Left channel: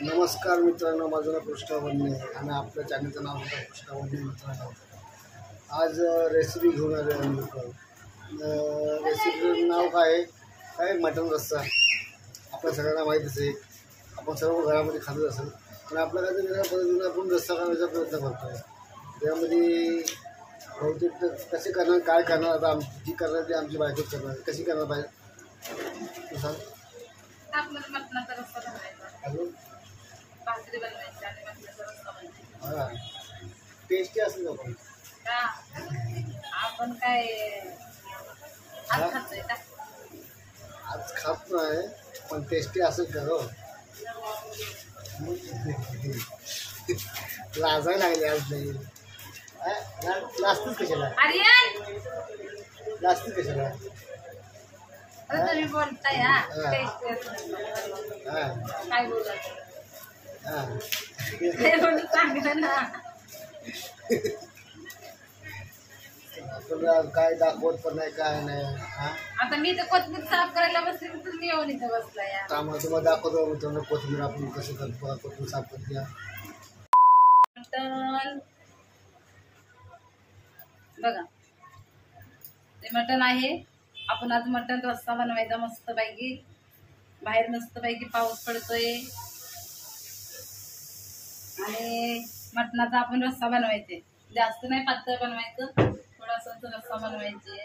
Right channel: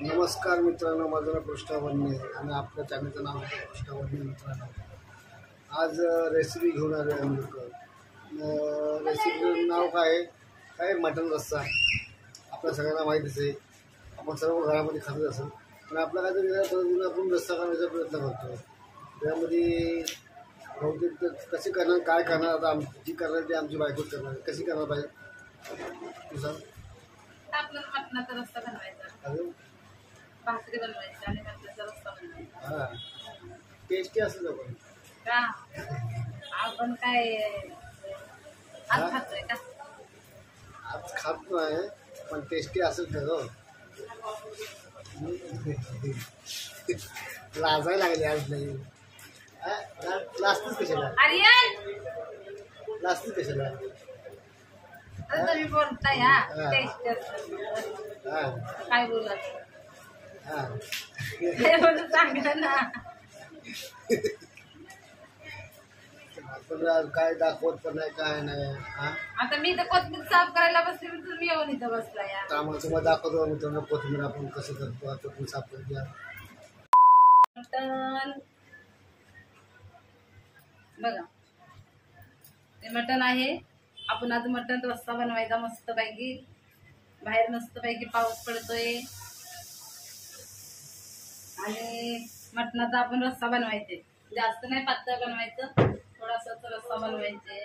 नमस्कार मित्रांनो, माझं नाव कृष्णा वन्ने आणि आपल्या चॅनलचं नाव होतं कृष्णा वन्ने मित्रांनो. आज रेसिपी घेऊन आलो आम्ही लोक. रेसिपीचं नाव काय मटण रस्सा. आपल्या सगळ्यांना माहितीच आहे, आपण सर्व घरामध्ये खातच असेल, पण आपल्या काहीतरी वेगळ्या पद्धतीने आपण रस्सा करण्याचा प्रयत्न करतो आहे. त्यामध्ये बहुतेक तर कसे करणार, काय करणार, आता जी करणार ती आमची बायकोच करणार. कशी करणार पाहिजे तू सांग. आपल्याला मटणाचा रस्सा बनवायचा, अजून भाकरी बनवायची आणि मटणाचा रस्सा बनवायचा. हां, टेस्टी असेल आपण का आपण काय आज खातोय का? आज खात नाही, पण टेस्टी असेल का हो. लाजायला लागले आज नाही. लाजतीच कशाला, आर्यन लाजतीच कशाला. अरे तुम्ही बोलताय टेस्ट हां काय बोलत हां हे बोलून सांगा ना. आपण काय दाखवत पण नाही, काय नाही. हां, आता मी तर कोथमीर साफ करायला बसले, तर तुम्ही येऊन इथं बसला या. त्यामुळे तुम्हाला दाखवतो मित्रांनो कोथिंबीर आपण कसं करतो. कोथिंबीर साफ करते. मटण बघा, ते मटण आहे. आपण आज मटण रस्सा बनवायचा मस्तपैकी. बाहेर मस्तपैकी पाऊस पडतोय आणि मटणाचा आपण रस्सा बनवायचे. जास्त नाही पातळ बनवायचं, थोडासाच रस्सा बनवायचे.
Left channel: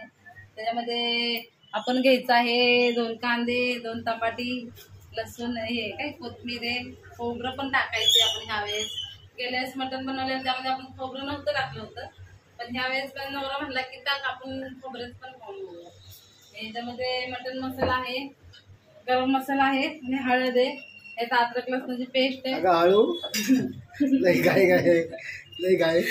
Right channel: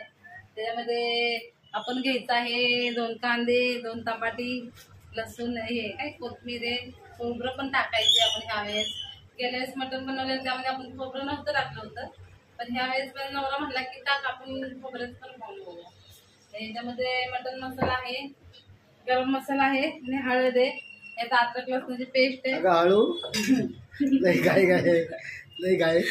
त्याच्यामध्ये आपण घ्यायचं आहे 2 कांदे, 2 टमाटी, लसूण, हे काय कोथिंबीर आहे, खोबरं पण टाकायचे आपण ह्यावेळेस. गेल्या वेळेस मटण बनवलं त्यामध्ये आपण खोबरं नव्हतं टाकलं होतं, पण ह्यावेळेस पण नवरा म्हणला की टाक, आपण खोबरेच पण खाऊन बघूया. याच्यामध्ये मटण मसाला आहे, गरम मसाला आहे आणि हळद आहे. यात अद्रक लसणाची पेस्ट आहे. हळू नाही काय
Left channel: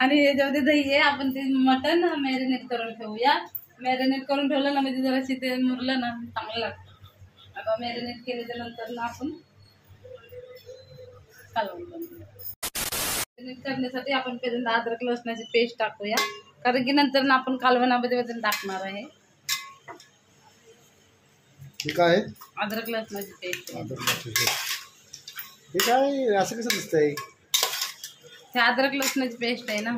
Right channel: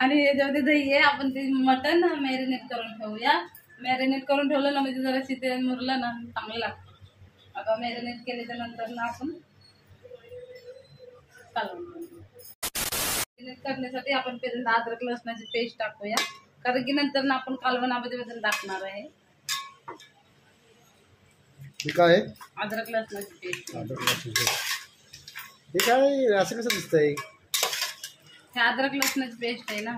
आणि याच्यामध्ये दही आहे. आपण ते मटण मॅरिनेट करून ठेवूया. मॅरिनेट करून ठेवलं ना म्हणजे जरा ते मुरलं ना चांगलं लागतं. आता मॅरिनेट केल्याच्या नंतर ना आपण कालवण बनवूया. मॅरिनेट करण्यासाठी आपण पहिल्यांदा अद्रक लसणाची पेस्ट टाकूया, कारण की नंतर ना आपण कालवणामध्ये टाकणार आहे. काय अद्रक लसणाची पेस्ट. हे काय असं कसं दिसतंय? हे अद्रक लसणाची पेस्ट आहे ना.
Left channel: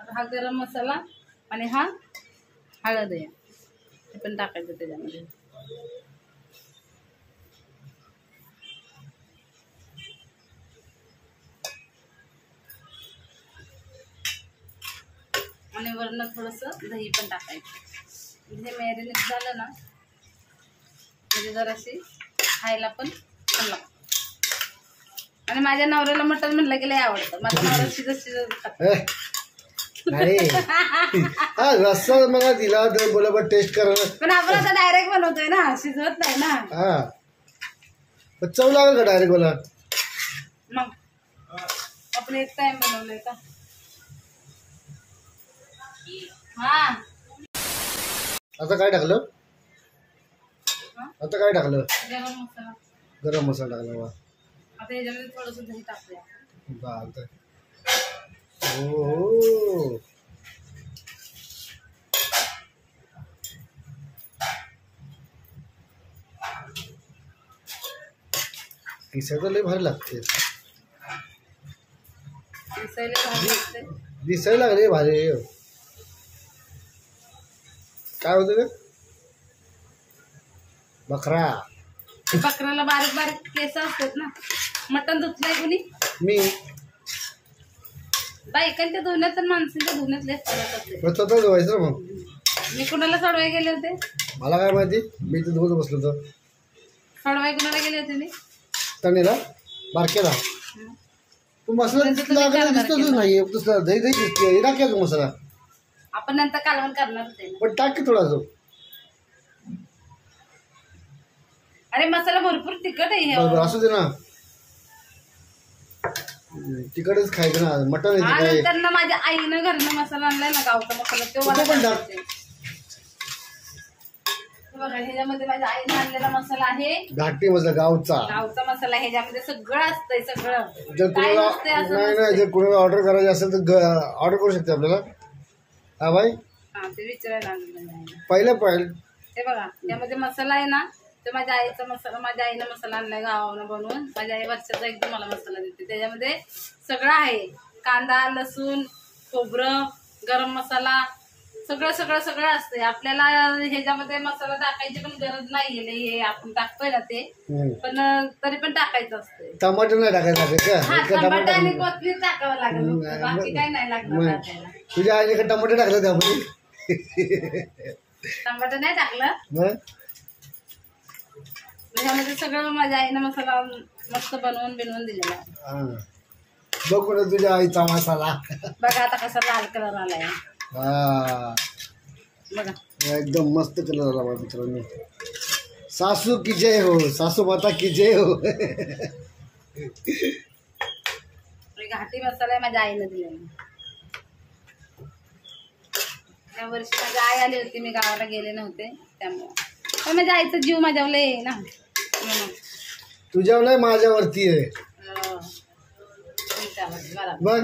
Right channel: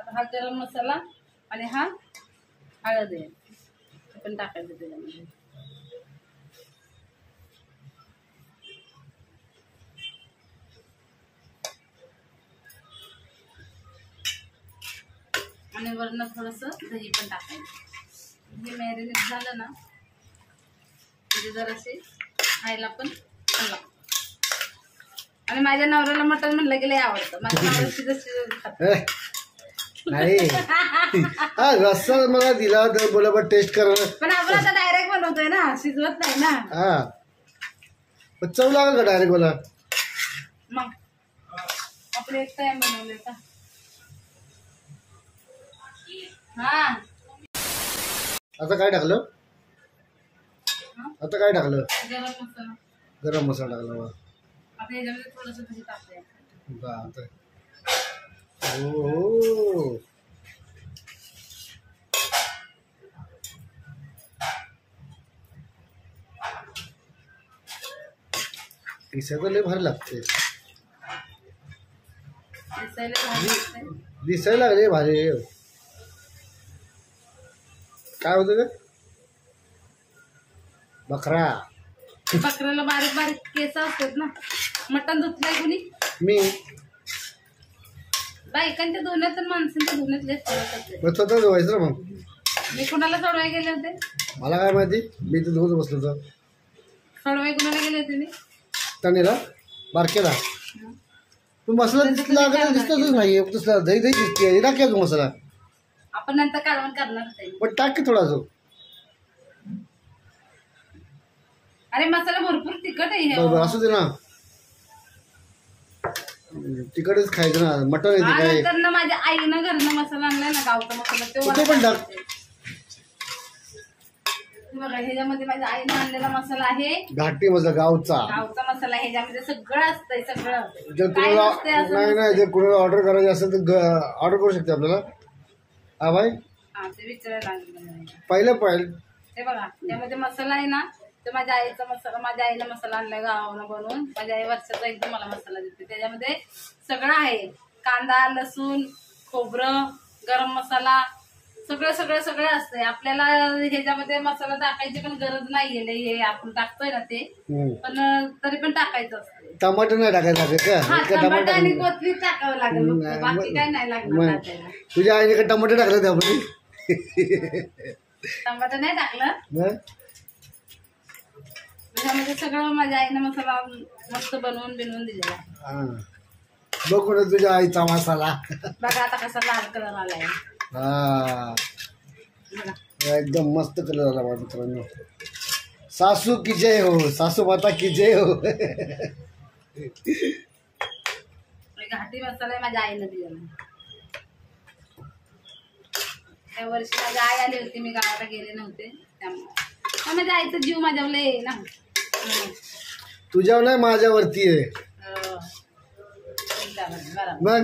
आता हा गरम मसाला आणि हा हळद आहे, हे पण टाकायचं त्याच्यामध्ये. आणि वरनं थोडंसं दही पण टाकायचं. हे मॅरिनेट झालं ना म्हणजे जराशी खायला पण छान लागतं. आणि माझ्या नवऱ्याला मटण म्हणलं की लय आवडतं. माझ्या नवऱ्याला शिजत खातं. नाही हा रस्सा मला दिला तर बोला टेस्ट करा, पण आपण आता डायरेक्ट बनवतोय ना, शिजवत नाही ना. हा पण चव लागेल का डायरेक्ट बोला. मग आपण एक टाइम बनवलंय का. हा आता काय टाकलं, आता काय टाकलं? गरम मसाला गरम मसाला टाकला बा. आता याच्यामध्ये थोडंसं दही टाकूया. चालतंय. हो दिसायला लय भारी लागते. दिसायला लागले भारी. काय होतं का बकरा? बकऱ्याला बारीक बारीक केस असतात ना. मटण धुतलंय कुणी? मी बायकांच्या धुण्यात आणि माणसांच्या धुण्यात लय फरक असते. स्वतः धुवायचं ना. मग मी कुणाला सोडवाय गेले होते? मला काय माहिती, मी तर धुवत बसलो होतो. सोडवाय कुणाला गेले होते मी? तणीला बारक्याला. तू मसाला दिसतच नाही, दही दही दिसते. टाक तू मसाला, आपण नंतर कालवण करणार आहे. पण टाक की थोडा. जो अरे मसाला भरपूर तिखट आहे. असू दे ना, तिकडच खायचं ना मटण. नंतर ना माझ्या आईनं घरनं मसाला आणलाय ना, गावचा मसाला, तो पण टाक. बघा ह्याच्यामध्ये माझ्या आईनं आणलेला मसाला आहे, घाटी मसाला, गावचा मसाला. ह्याच्यामध्ये सगळं असतंय, सगळं. जर कुणाला नाही जर कुणाला ऑर्डर करायची असेल तर ऑर्डर करू शकते आपल्याला. हा बाई हा ते विचारायला लागलं माझ्या आईला. पहिलं हे बघा त्यामध्ये मसाला आहे ना, तर माझ्या आईचा मसाला, माझ्या आईनं मसाला आणलाय गावावरून बनवून. माझ्या आई वर्षाचा एकदम मला मसाला देते. त्याच्यामध्ये सगळं आहे, कांदा, लसूण, खोबरं, गरम मसाला, सगळं सगळं सगळं असतंय. आपल्याला ह्याच्यामध्ये मसाला टाकायची पण गरज नाहीये, लई हे आपण टाकतोय ना ते, पण तरी पण टाकायचं असतंय. टमाटर नाही टाकायचं हा, टमाटर आणि कोथिंबीर टाकावं लागेल, बाकी काही नाही लागणार टाकायला. तुझ्या आईने टमाटर टाकलं त्यामध्ये? टमाटर नाही टाकलं. त्याच्यामध्ये सगळं माझ्या आईनं मसाला मस्त बनवून दिलेला. बघ ना तुझ्या आईचा मसाला. बघा आता कसा लाल कलर आलाय. हा बघा एकदम मस्त कलर आला बा मित्रांनो. सासू की जय हो, सासू माता की जय हो. घाटी मसाला आहे माझ्या आईनं दिलेला. त्या वर्षी माझी आई आली होती, मी गावाला गेले नव्हते त्यामुळे. माझ्या आईचा जीव माझ्यावर आहे ना. तुझ्यावर नाही माझ्यावरती आहे. बरोबर.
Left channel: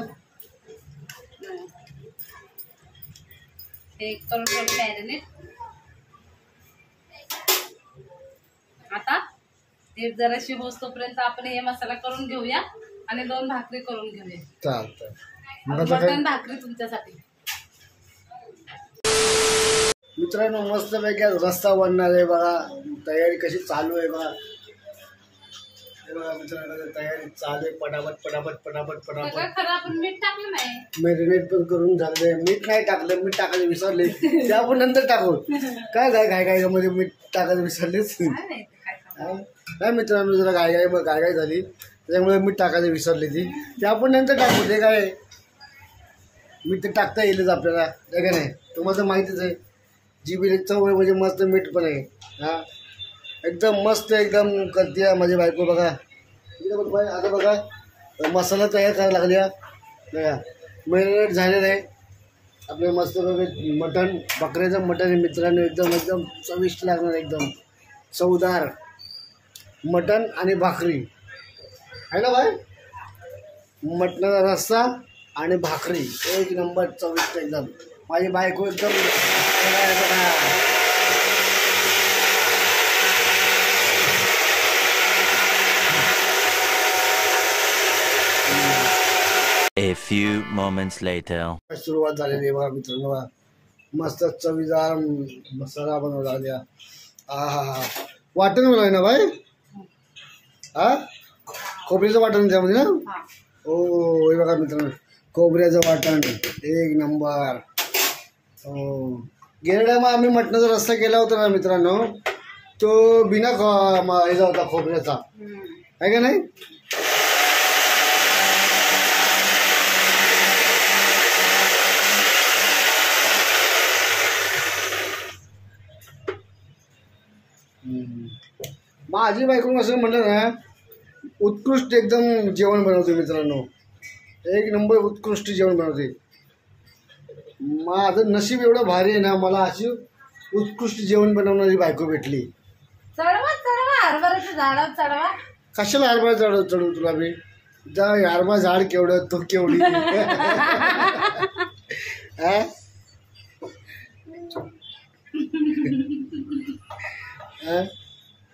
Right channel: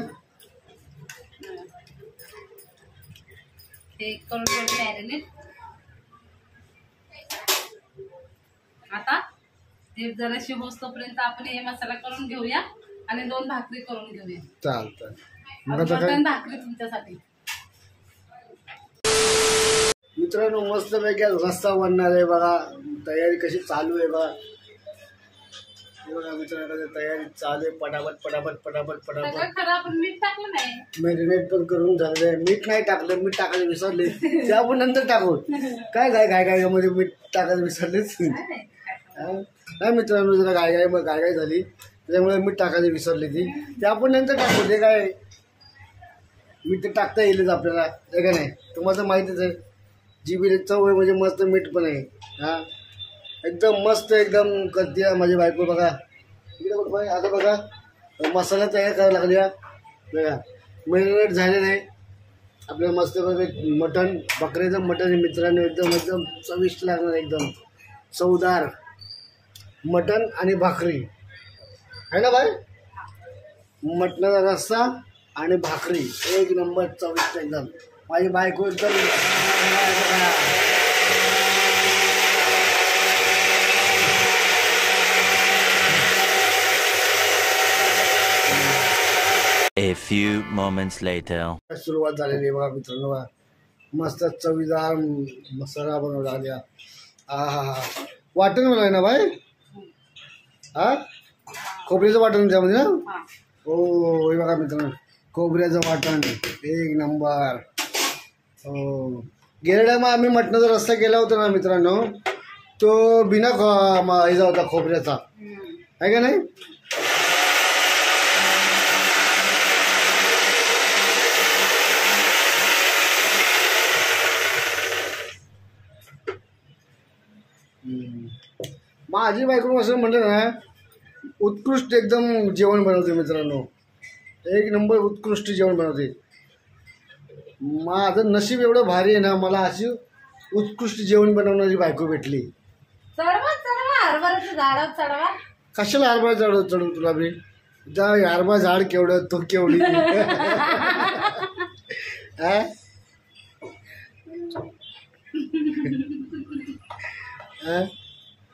हे करून थोडं मॅरिनेट. आता हे जराशी होस्तोपर्यंत आपण हे मसाला करून घेऊया आणि 2 भाकरी करून घेऊया. चालतं. मटण भाकरी तुमच्यासाठी. मित्रांनो मस्त पैकी रस्ता बनणार आहे बघा. तयारी कशी चालू आहे बघा. हे बघा मित्रांनो तयारी चालू आहे. पटापट पटापट पटापट पटापट. खरं आपण मीठ टाकलं नाही. मॅरिनेट पण करून झालंय. मीठ नाही टाकलं, मीठ टाकायला विसरले. ते आपण नंतर टाकू. काय काय मध्ये मीठ टाकायला विसरलेच. नाही मित्रांनो जरा गाय झाली त्याच्यामुळे मीठ टाकायला विसरली ती. ते आपण नंतर टाकू. ते काय मीठ तर टाकता येईलच आपल्याला, ते काय नाही. तुम्हाला माहितीच आहे जिबीला चव आहे म्हणजे मस्त मीठ पण आहे. हा एकदम मस्त एकदम करते माझी बायको. बघा इकडे बघ बाई. आता बघा मसाला तयार करायला लागल्या बघा. मॅरिनेट झालेलं आहे आपलं मस्त बघा. मटण, बकऱ्याचं मटण आहे मित्रांनो. एकदम एकदम चविष्ट लागणार, एकदम चवदार मटण आणि भाकरी आहे ना बाय. मटणाचा रस्सा आणि भाकरी एक नंबर चविष्ट एकदम. माझी बायको एकदम A few moments later. सुरुवात झालेली आहे बघा मित्रांनो. मस्त चवीदार मसाला बनवला आल्या. हा वाटण बनवलं ना बाय. हा खोबऱ्याचं वाटण त्यामध्ये ना. हो हे बघा मित्रांनो खोबऱ्याचं वाटण एक नंबर. हो गेल्या टायमा आम्ही मटणाचा रस्सा केला होता ना मित्रांनो, तो बिना ह्याचा होता खोबऱ्याचा आहे का नाही. माझी बायको असं म्हणलं ना उत्कृष्ट एकदम जेवण बनवते मित्रांनो. एक नंबर उत्कृष्ट जेवण बनवते. माझं नशीब एवढं भारी आहे ना, मला अशी उत्कृष्ट जेवण बनवणारी बायको भेटली. कशाला हरभरा चढू तुला बी. जा हरभरा झाड केवढं तो केवढी.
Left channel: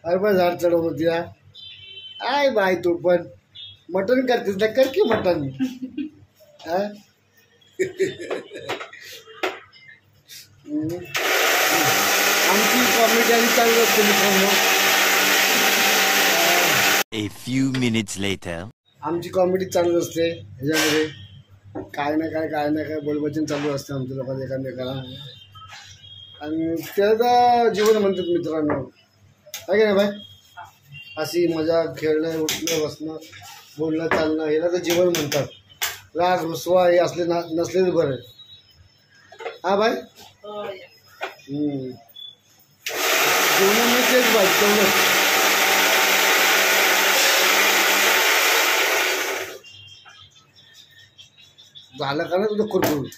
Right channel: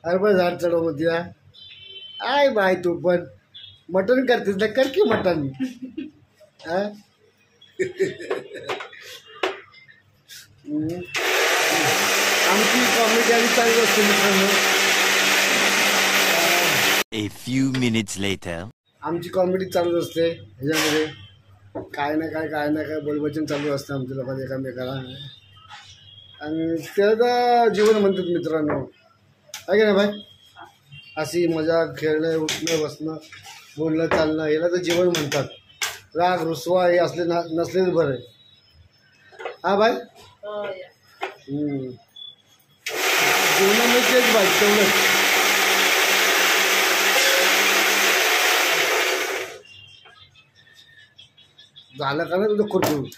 हरभरा झाड चढव म्हणते. आय बाय तू पण मटण करतेस ना, कर की मटण. आमची कॉमेडी आणि चालू असते मित्रांनो. A few minutes later. आमची कॉमेडी चालू असते ह्याच्यामध्ये. काय ना काय बोलवचन चालू असतं आमच्या लोकांना एकामेकाला. आणि त्याला जीवन म्हणतात मित्रांनो आहे का नाही बाय. अशी मजा खेळणं, उठणं, बसणं, बोलणं, चालणं ह्याला तर जीवन म्हणतात. राग रुसवा हे असले नसलेच बरं आहे. हा बाय. जीवनामध्ये तेच बाय तेवढंच. झालं का ना तुझं खुरपूर.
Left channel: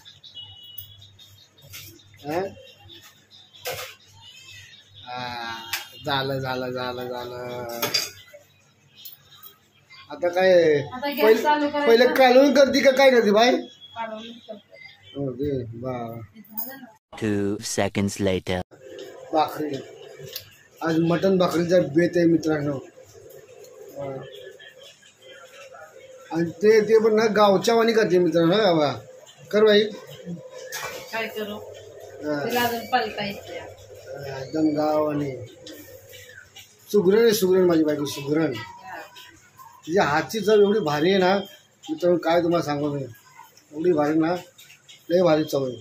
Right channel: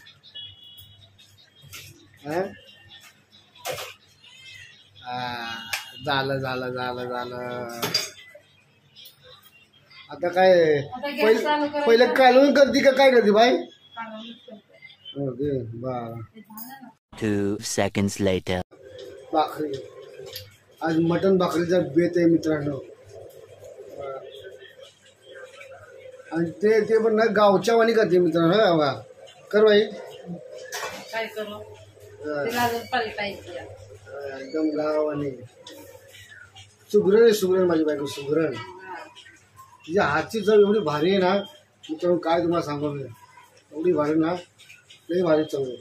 झालं आता काय पहिलं कालवून करते का काय करते बाय. ओके बा 2 seconds later. भाकरी आज मटण भाकरीचा बेत आहे मित्रांनो. आणि ते ते पण ना गावच्या वाणी करते मित्रांनो. बाबा कर बाई. काय करू तिला अजून पलटायचं. एकदम गाव आणि सुगरण आहे. सुगरण माझी बायको सुगरण. तिच्या हातची चव एवढी भारी आहे ना मित्रांनो, काय तुम्हाला सांगू मी. एवढी भारी ना, लई भारी चव आहे.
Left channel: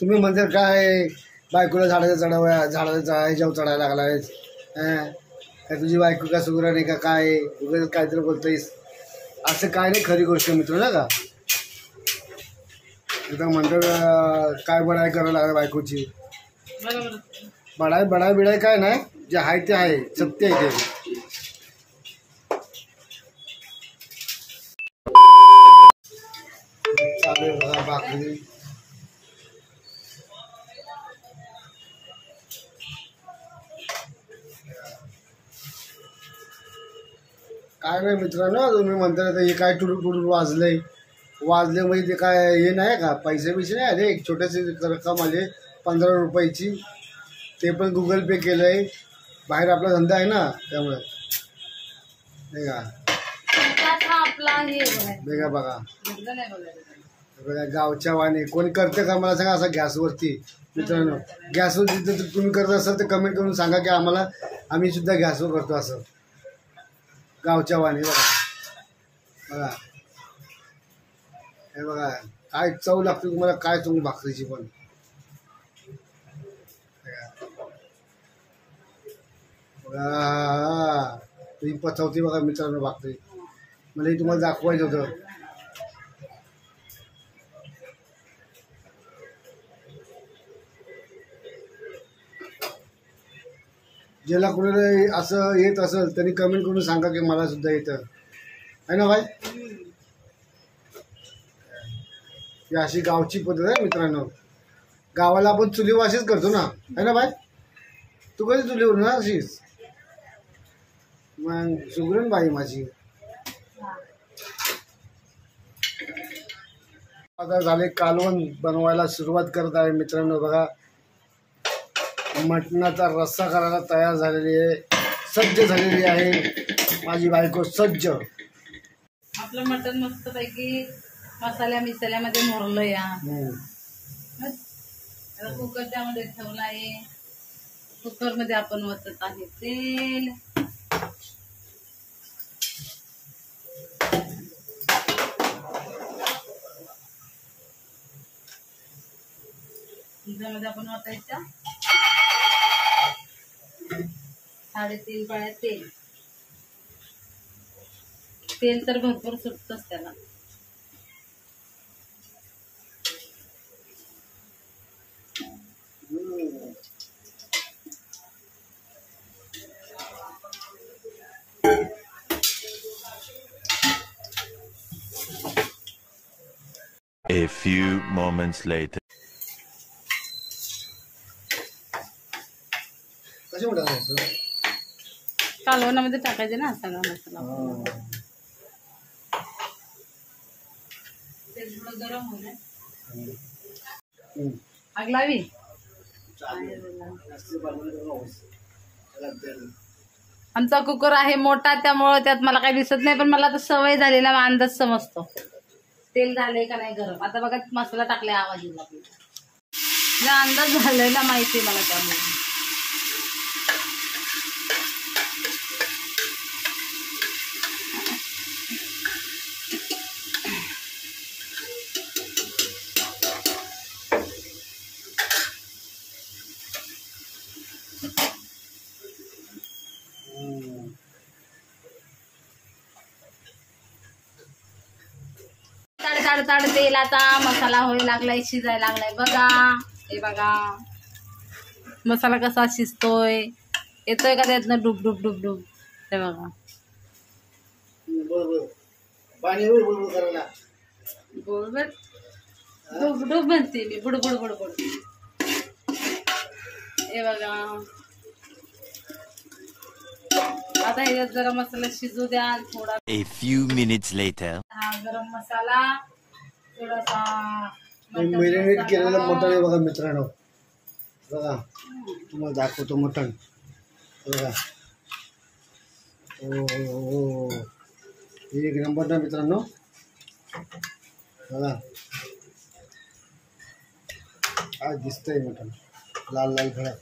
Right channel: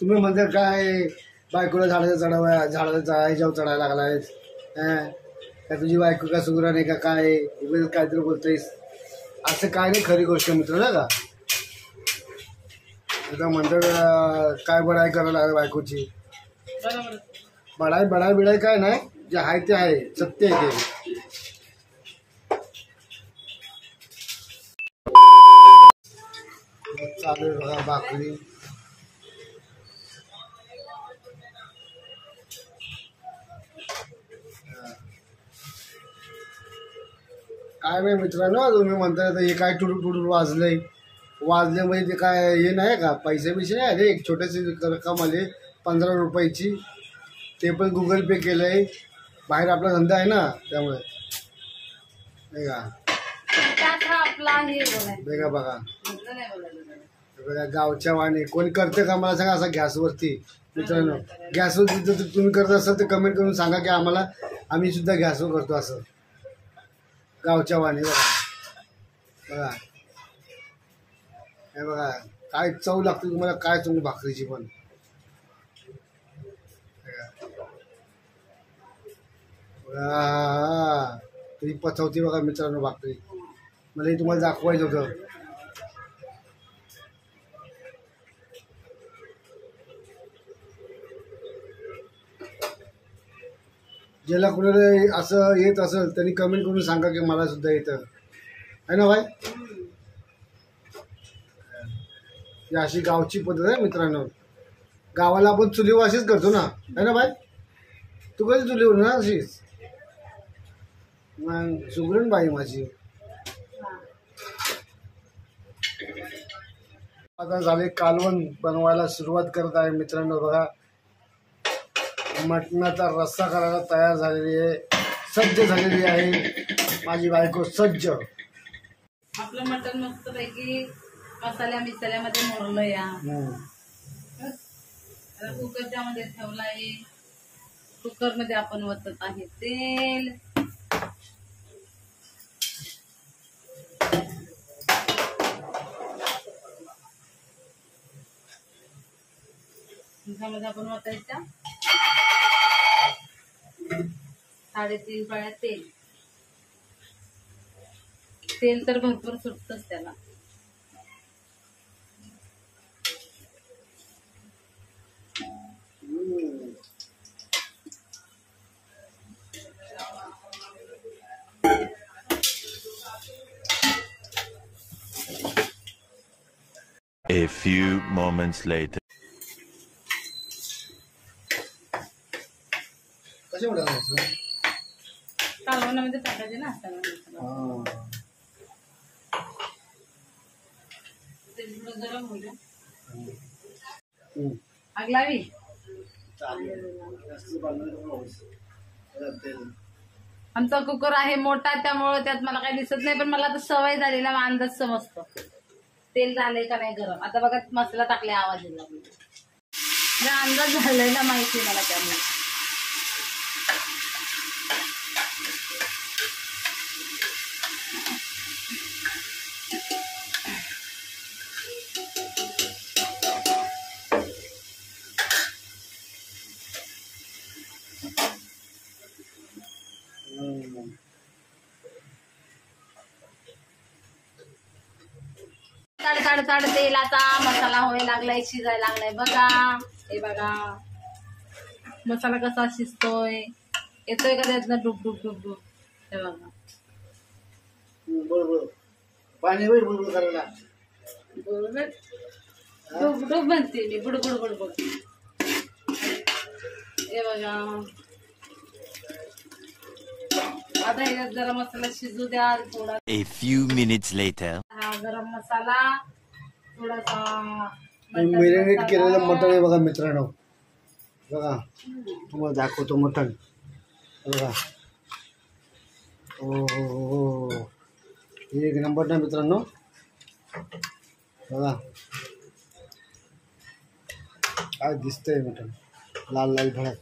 तुम्ही म्हणता काय बायकोला झाडाच्या ह्याच्यावर चढायला लागलाय. काय तुझी बायको का सुगरण आहे का काय, उगाच काहीतरी बोलतोयस. असं काय नाही, खरी गोष्ट मित्र ना का. एकदा म्हणतात काय बडाई करायला लागला बायकोची. बडाई काय नाही, जे आहे ते आहे, सत्य आहे ते. चालू आहे बघा भाकरी. काय नाही मित्रांनो, तुम्ही म्हणता हे काय टुडूर वाजले म्हणजे ते काय हे नाही का, पैसे नाही आले. एक छोटेसे रक्कम आले 15 रुपयाची. ते पण गुगल पे केलं आहे. बाहेर आपला धंदा आहे ना त्यामुळे नाही का. बघा बघा गावच्या वाणी कोणी करते का मला सांगा. असं गॅसवरती मित्रांनो, गॅसवर जर तुम्ही करत असाल तर कमेंट करून सांगा की आम्ही सुद्धा गॅसवर करतो असं गावच्या वाणी. बघा हे बघा काय चव लागते तुम्हाला, काय चव भाकरीची पण. बघा तुम्ही पचवते बघा मित्रांनो भाकरी. मला हे तुम्हाला दाखवायचं होतं. ज्याला कुणाला असं येत असेल त्यांनी कमेंट करून सांगा की मला सुद्धा येतं आहे ना बाय. ही अशी गावची पद्धत आहे मित्रांनो. गावाला आपण चुलीवर अशीच करतो ना आहे ना बाय. तू कधी चुलीवर ना अशीच. मग सुगरण बाई माझी. आता झाले कालवण बनवायला सुरुवात करत आहे मित्रांनो. बघा मटणाचा रस्सा करायला तयार झालेली आहे, सज्ज झालेली आहे माझी बायको सज्ज. आपलं मटण मस्त पैकी मसाल्यामध्ये मोडलं या. कुकरच्या मध्ये ठेवला आहे. कुकर मध्ये आपण वतत आहे तेल. त्यामध्ये आपण वतायच्या 3.5 पाळ्या तेल. तेल तर भरपूर सुटतच त्याला. A few moments later. कशी म्हणायचं कालवणामध्ये टाकायचे ना सगळा मसाला. ते थोडं गरम होईल. आग लावी. आमचा कुकर आहे मोठा त्यामुळे त्यात मला काही दिसत नाही, पण मला तर सवय झालेला अंदाज समजतो तेल झालंय का नाही गरम. आता बघा मसाला टाकलाय, आवाज येईल आपल्याला. अंदाज झालाय ना माहिती मला त्यामुळे. ताड तेलाचा मसाला व्हायला लागलाय, शिजायला लागलाय. बघा हे बघा मसाला कसा शिजतोय, येतोय का त्यातनं डुब डुब डुब डुब. हे बघा बरोबर पाणी होईल बुडबुड करायला. बरोबर डुब डुब म्हणते मी, बुडबुड बुडबुड. हे बघा आता हे जरा मसाला शिजू द्या थोडा. A few minutes later. हा गरम मसाला थोडासा मॅरिनेट केलेलं मटण आहे बघा मित्रांनो. बघा तुम्हाला दाखवतो मटण. बघा हो एक नंबर ना मित्रांनो. बघा काय दिसतंय मटण लाल लाल भडक.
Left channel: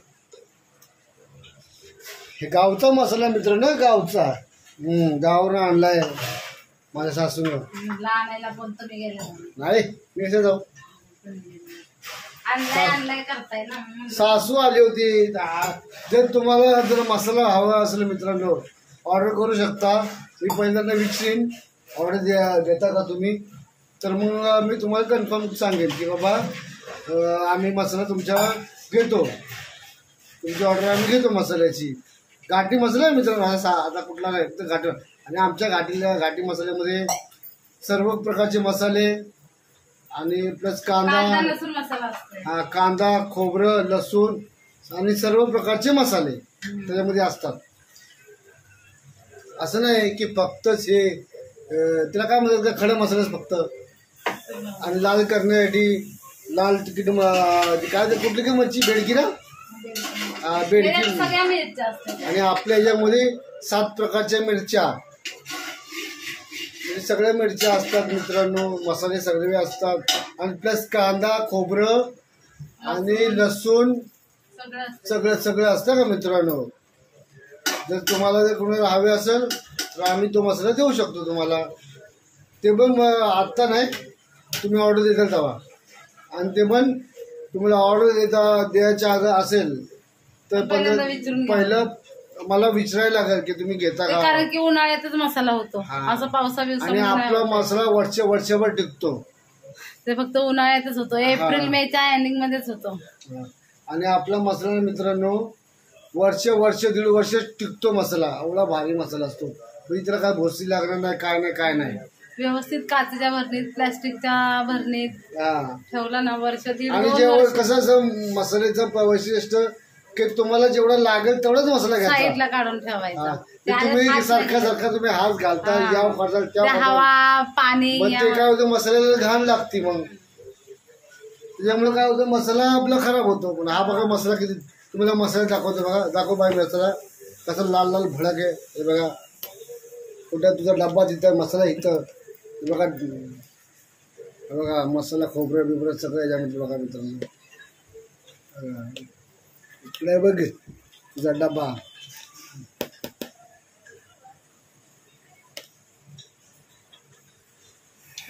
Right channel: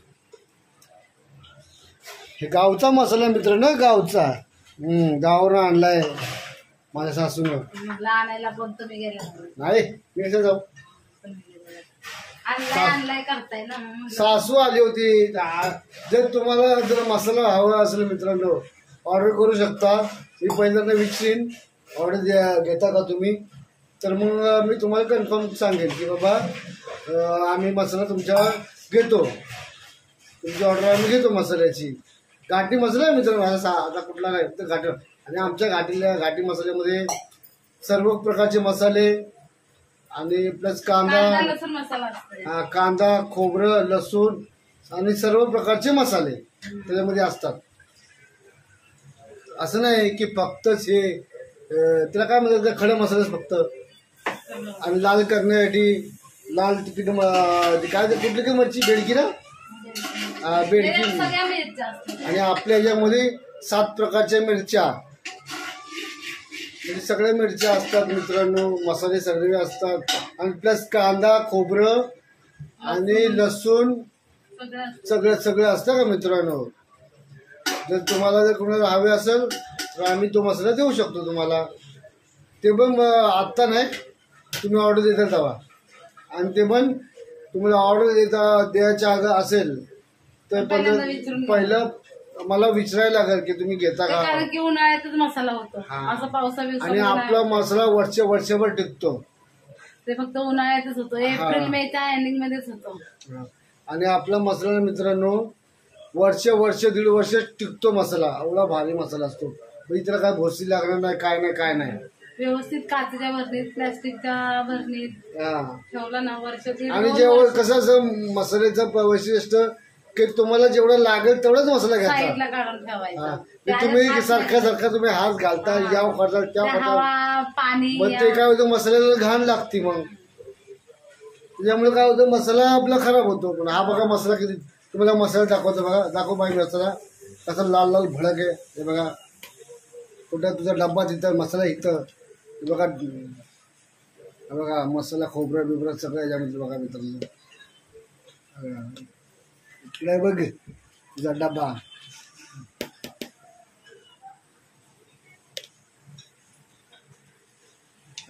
हे गावचा मसाला मित्रांनो, गावचा. गावावरून आणलाय माझ्या सासूनं. म्हटलं आणायला पण तुम्ही गेला नाही मी कसं जाऊ. आणलाय करताय ना. सासू आली होती. जर तुम्हाला जर मसाला हवा असेल मित्रांनो ऑर्डर करू शकता. मी पहिल्यांदा विचारीन ऑर्डर घेता का तुम्ही, तर मग मी तुम्हाला कन्फर्म सांगेन की बाबा आम्ही मसाला तुमच्या घेतो. तुमची ऑर्डर आम्ही घेतो मसाल्याची. घाटी मसाला आहे मित्रांनो आता कुठला नाही फक्त घाटी. आणि आमच्या घाटी मसाल्यामध्ये सर्व प्रकारचे मसाले आणि प्लस लसूण मसाला असतो. कांदा खोबरं लसूण आणि सर्व प्रकारचे मसाले त्याच्यामध्ये असतात. असं नाही की फक्तच हे त्याला काय म्हणतात खडे मसालेच फक्त. आणि लाल करण्यासाठी लाल तिकीट काय कुठली की मच्छी बेडकी ना बेडकी. आणि आपल्या ह्याच्यामध्ये 7 प्रकारच्या मिरच्या म्हणजे सगळ्या मिरच्या असतात मित्रांनो. मसाले सगळे असतात आणि प्लस कांदा खोबरं आणि लसूण सगळं असतं का मित्रांनो. जर तुम्हाला जर कोणाला हवे असेल तर आम्ही तो मसाला देऊ शकतो तुम्हाला. ते पण आत्ता नाही तुम्ही ऑर्डर देता तेव्हा. आणि ते पण तुम्हाला ऑर्डर द्यायच्या अगं असेल तर पहिलं मला विचारायला लागेल की तुम्ही घेता का. कारण की उन्हाळ्यातच मसाला होतो असं पावसाळ्यात. आणि आपला मसाला वर्षभर टिकतो. ते फक्त उन्हाळ्यातच होतो. एप्रिल मेच्या एंडिंग मध्येच होतो. आणि आपला मसाला मित्रांनो वर्ष 1.5 वर्ष टिकतो मसाला. एवढा भारी मसाला असतो. म्हणजे त्याला काय भोसरी लागणार नाही काय नाही. व्यवस्थित काचेच्या भरणीत प्लास्टिकच्या भरणीत ठेवला ना वर्ष दीड. आणि जेव्हा कसं मसाल्याचं वैशिष्ट्य की तुम्हाला जेवढं लागेल तेवढाच मसाला घ्यायचा. साईडला काढून ठेवायचा. तुम्ही सारखा तुम्ही हात घालता याव करता त्या हवा पाणी मग ते काय होतं मसाल्याला घाण लागते. मग त्याच्यामुळे काय होतं मसाला आपला खराब होतो. पण हा बघा मसाला किती तुम्हाला मसाला दाखवतो. बघा दाखव बाई मसाला कसा लाल लाल भडक आहे. हे बघा कुठं तुझा डब्बा तिथं मसाला इथं. हे बघा मसाला खोबरं बिबरं सगळं याच्यामध्ये बघा मित्रांनो. इकडे बघ तुझा डब्बा.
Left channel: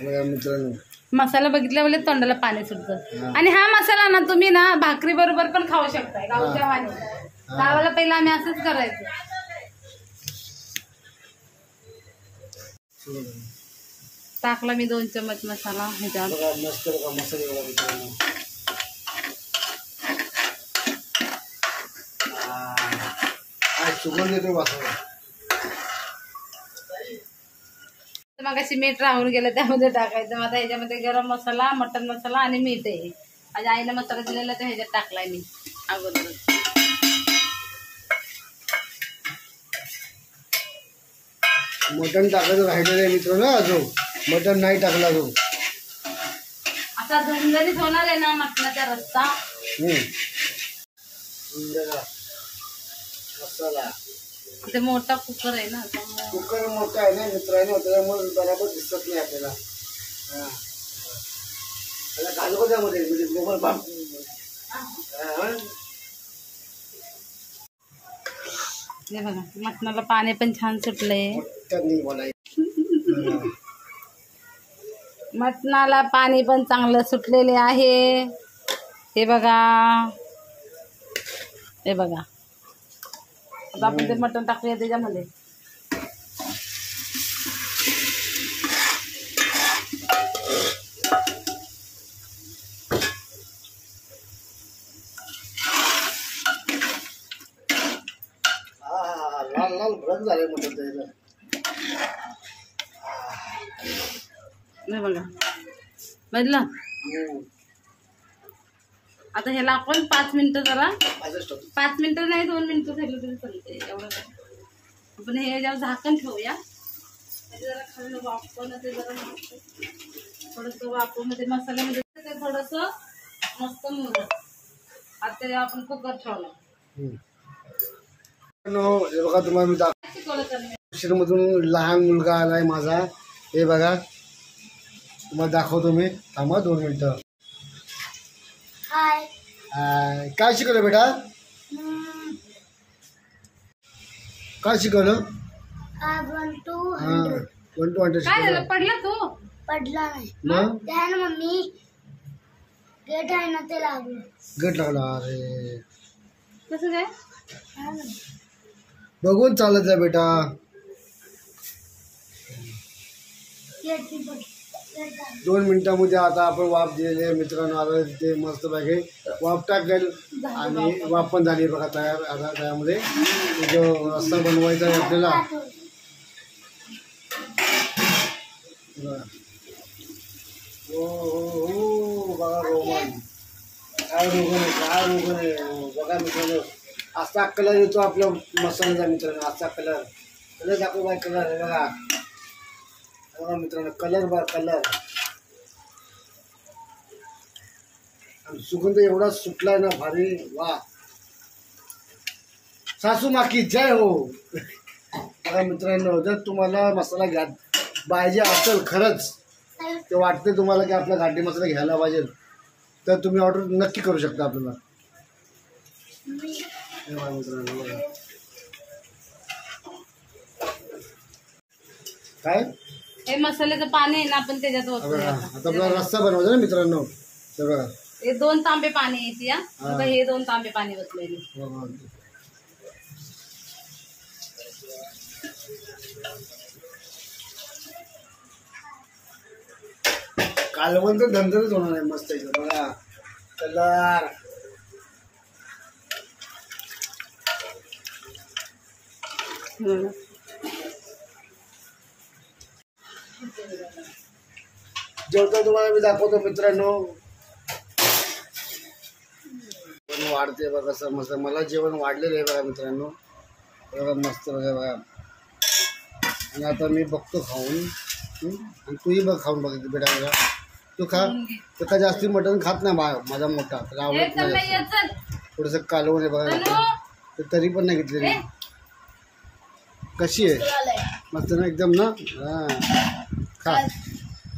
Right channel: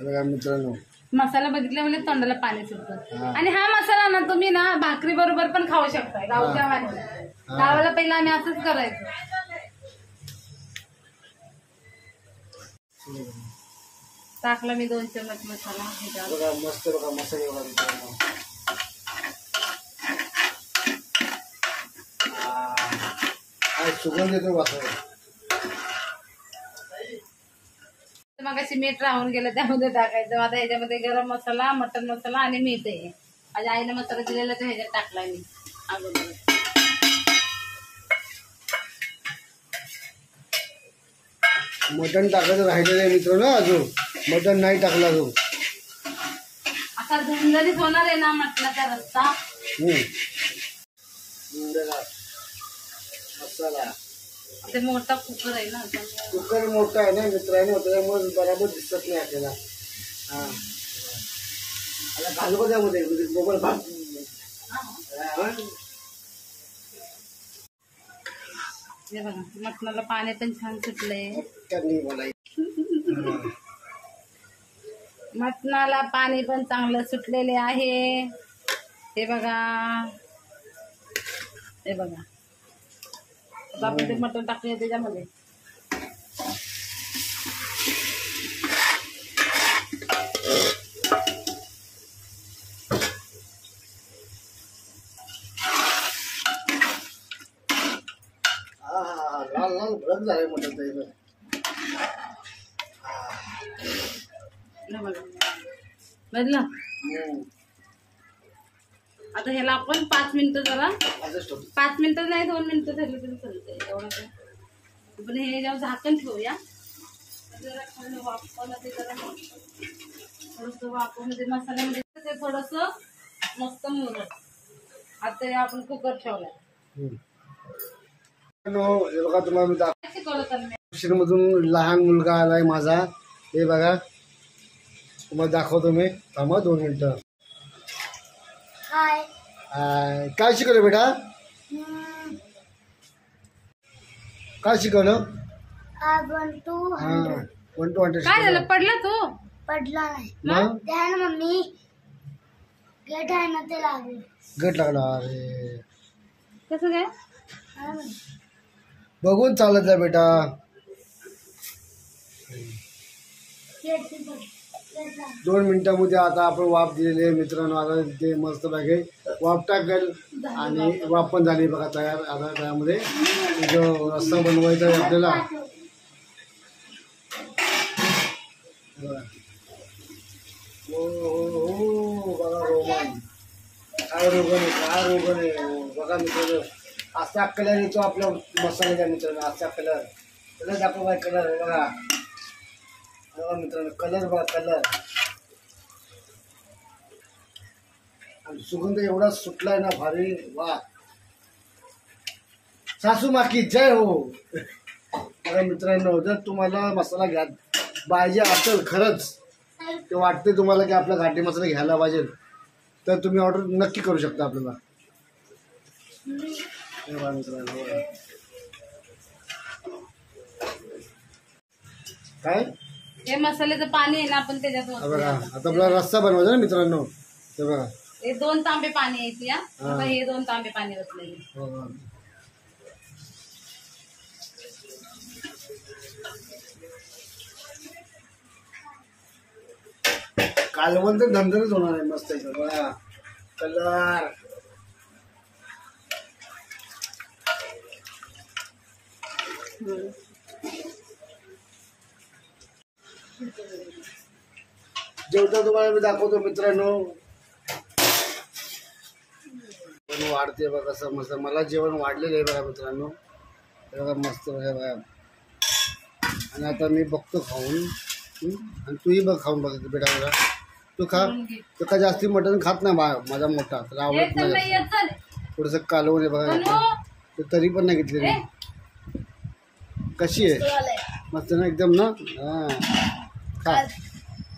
बघा मित्रांनो मसाला बघितल्या वेळेस तोंडाला पाणी सुटतं. आणि हा मसाला ना तुम्ही ना भाकरी बरोबर पण खाऊ शकताय गावच्या वाणी. गावाला पहिला आम्ही असंच करायचो. टाकला मी 2 चमच मसाला ह्याच्यावर. बघा मस्त बघा मसाले बघा मित्रांनो. सुगंध येतो वासाला. मग अशी मीठ राहून गेलं त्यामध्ये टाकायचं. आता ह्याच्यामध्ये गरम मसाला मटन मसाला आणि मीठ आहे. माझ्या आईने मसाला दिलेला तर ह्याच्यात टाकलाय मी अगोदर. मटण टाकायचं राहिलेलं आहे मित्रांनो. अजून मटण नाही टाकला अजून. असा झणझणीत होणार आहे ना मटणाचा रस्सा. मसाला ते मोठा कुकर आहे ना. कुकर मोठा आहे ना मित्रांनो त्याच्यामुळे बरोबर दिसत नाही आपल्याला. आता घालू का त्यामध्ये गोबर भात. हे बघा मटणाला पाणी पण छान सुटलंय. मटणाला पाणी पण चांगलं सुटलेले आहे. हे बघा हे बघा. आता आपण ते मटण टाकूया त्याच्यामध्ये. लाल लाल भडक झाले मटण त्याला. बघा बघलं. आता ह्याला आपण 5 मिनिटं जरा 5 मिनिटं नाही 2 मिनिटं झाली तरी चालते. एवढं काय आपण हे जेव्हा झाकण ठेवूया. जरा खाल्लं वापरलं ते जरा थोडंसं वापरून मध्ये मसाल्यामध्ये ते थोडस मस्त मुरलं. आता हे आपण कुकर ठेवलं. हे बघा तुम्हाला मी शिकवलं करणे. मधून लहान मुलगा आलाय माझा. हे बघा तुम्हाला दाखवतो मी. थांबा 2 मिनिटं. हाय. काय शिकवलं बेटा? काय शिकवलं? 1 to 100. 1 to 100 काय झालं? शिकवलं. पडला तू? पडला नाही. मग ते आहे ना मम्मी, गेट आहे ना ते लागलं. गट लागला. अरे कसं काय? हा ना. बघून चालत जा बेटा. गेट ती पडलं. गेट लागलं. 2 मिनिटांमध्ये आता आपण वाफ दिलेली आहे मित्रांनो. आता ते मस्त पैकी वाफ टाकेल आणि वाफ पण झाली बघा तयार. आता त्यामध्ये जो रस्सा बनवायचा आहे आपल्याला. बघा. हो बघा रोगन. काय रोगन आहे बघा मित्रांनो. असा कलर येतो आपल्या मसाल्याचा मित्रांनो. असा कलर दाखव बाय. कलर आहे बघा. बघा मित्रांनो कलर बघा कलर. आणि सुगंध एवढा सुटलाय ना भारी. वा सासू माकी जय हो. बघा मित्रांनो जर तुम्हाला मसाला घ्या पाहिजे असेल खरंच ते वाटते तुम्हाला की आपला घाटी मसाला घ्यायला पाहिजे तर तुम्ही ऑर्डर नक्की करू शकता आपल्याला. हे बघा मित्रांनो बघा. काय हे मसाल्याचं पाणी आहे ना आपण त्याच्यात बघा ओतूया. आता आपला रस्सा बनवायचा ना मित्रांनो. ते बघा हे 2 तांबे पाणी येते. हे 2 तांबे पाणी ओतलेले. बघा. कालवण तर धंदरच होणार आहे मस्त एकदम. बघा कलर. जेवता तुम्हाला मी दाखवतो मित्रांनो. पण वाढते बघा कसं मस्त. मला जेवण वाढलेलं आहे बघा मित्रांनो. बघा मस्त बघा बघा. आणि आता मी बघतो खाऊन. आणि तूही बघ खाऊन बघ बेटा. बघा तू खा. तू का जास्ती मटण खात नाही माझा मोठा. त्याला आवडत नाही. थोडंसं कालवण आहे बघा. ते तरी पण नाही घेतलेली. कशी आहे? मस्त ना एकदम ना. खा.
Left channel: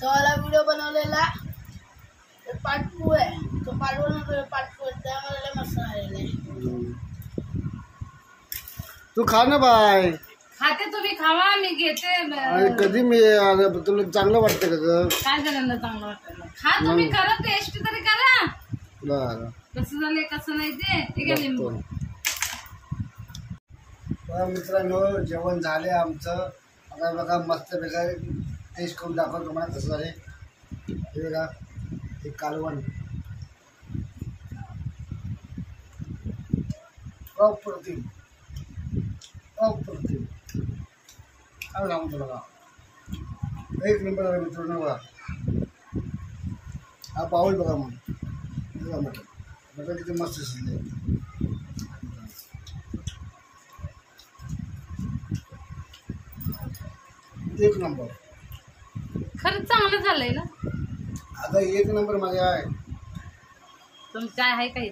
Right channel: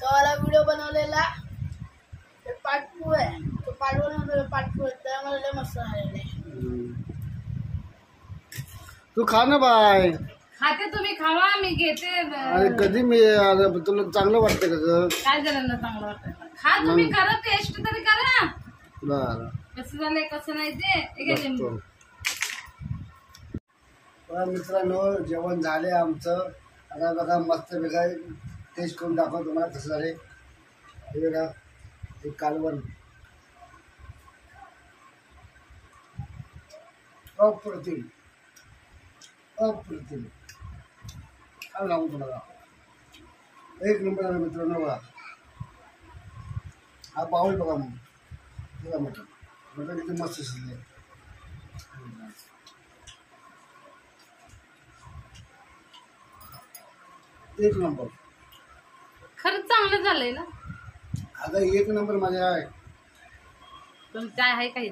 तो वाला व्हिडिओ बनवलेला पाटपू आहे. तो पाटपू त्यामध्ये लय मस्त झालेला आहे. तू खा ना बाय. खाते तुम्ही खावा मी घेते. आणि कधी मी तुला चांगलं वाटतं का ग? काय झालं ना चांगलं वाटतं? खा तुम्ही. करा टेस्ट तरी करा. बरं कसं झालंय कसं नाही ते. हे घ्या लिंबू. बघा मित्रांनो जेवण झाले आमचं. आता बघा मस्त वेगळा टेस्ट करून दाखवा तुम्हाला कसं झाले. हे बघा हे कालवण अप्रतिम अप्रतिम. काय सांगू तुम्हाला. एक नंबर आहे मित्रांनो. बघा हा पाऊल बघा. मग बघा मटण किती मस्त शिजले. एक नंबर. खरंच चांगलं झालंय ना. आता 1 नंबर माझे आहे. तुमचं चाय आहे काही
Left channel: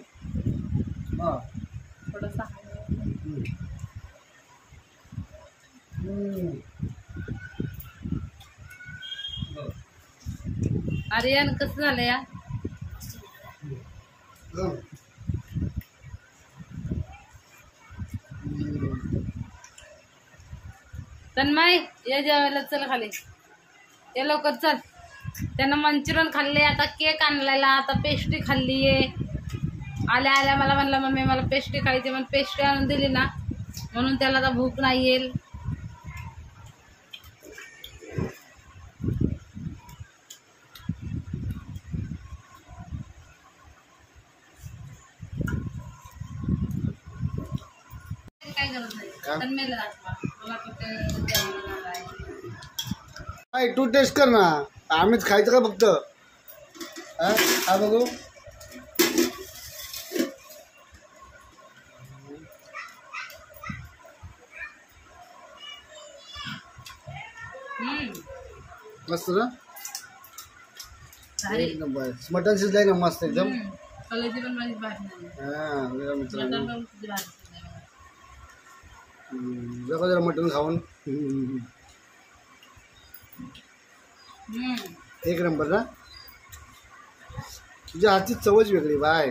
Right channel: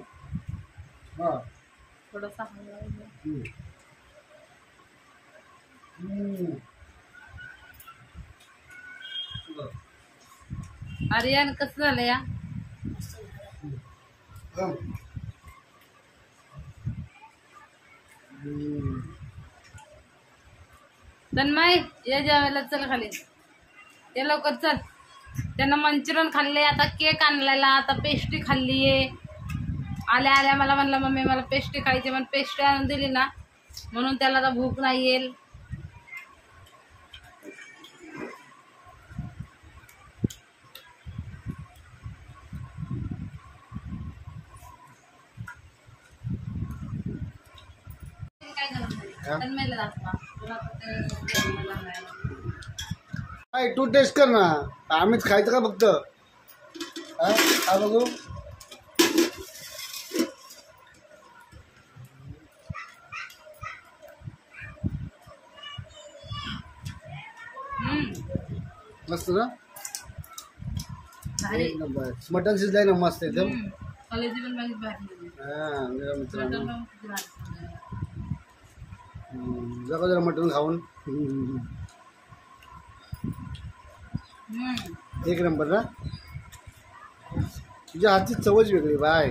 हा. थोडंसं. आर्यन कसं झालं या? तन्मय या जेवायला चल खाली. ये लवकर चल. त्यानं मंचुरियन खाल्ले. आता केक आणलेला. आता पेस्ट्री खाल्ली आहे. आल्या आल्या मला म्हणलं मम्मी मला पेस्ट्री खायची. पण पेस्ट्री आणून दिली ना म्हणून त्याला आता भूक नाही येईल. तन्मयला दाखवा. काय तू टेस्ट कर ना. आम्हीच खायचं का फक्त? हा बघू. मस्त ना. भारी एक नंबर मटन शिजलाय ना मस्त एकदम. कलेजी पण माझी भारी झाली. हा मेरा मित्रांनो मटण पण किती भारी झालंय बघा. जरा जरा मटन खाऊन एक नंबर ना. तुझ्या हातची चवच वेगळी बाय.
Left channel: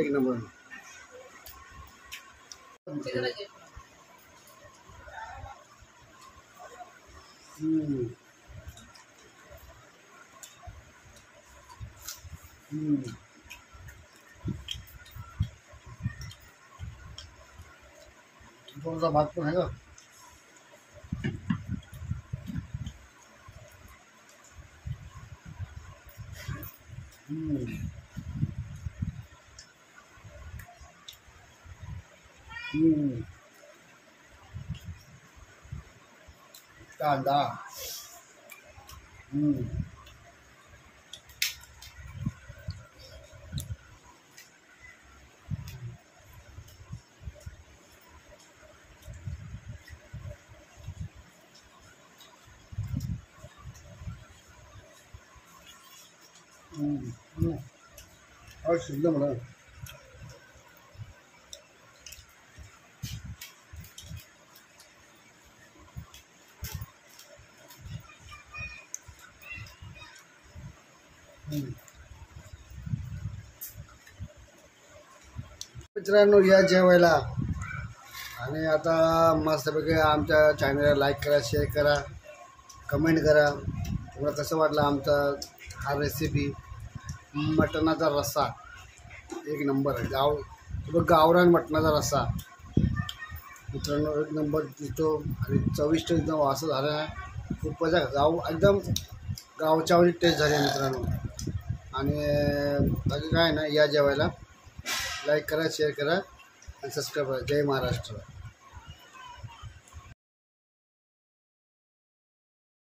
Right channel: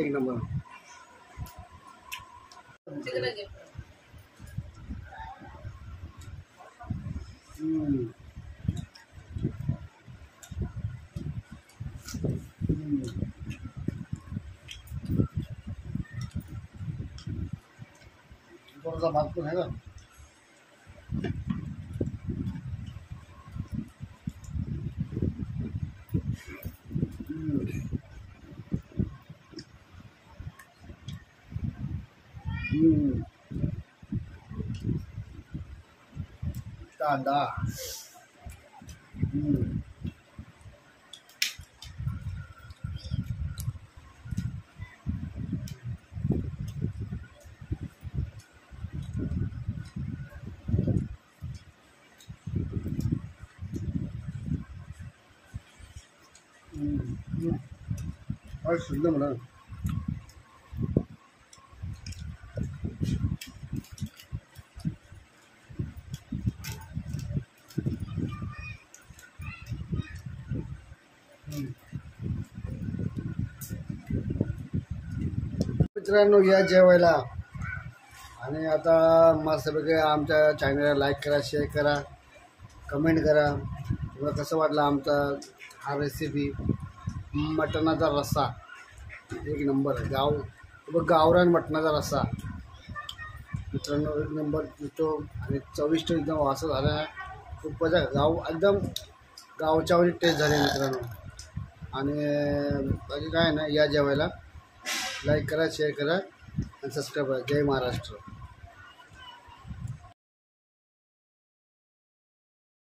एक नंबर. तिकडे घे. थोडासा भात पण आहे का. कांदा. शिजलं म्हणा. मित्रांनो या जेवायला. आणि आता मस्तपैकी आमच्या चॅनलला लाईक करा, शेअर करा, कमेंट करा. तुम्हाला कसं वाटलं आमचा हा रेसिपी. मटणाचा रस्सा एक नंबर आहे. गावरान मटणाचा रस्सा मित्रांनो एक नंबर दिसतो आणि चविष्ट एकदम वास झाला आहे. खूपच एकदम गावच्या वरी टेस्ट झाली मित्रांनो. आणि बाकी काय ना या जेवायला. लाईक करा, शेअर करा आणि सबस्क्राईब करा. जय महाराष्ट्र.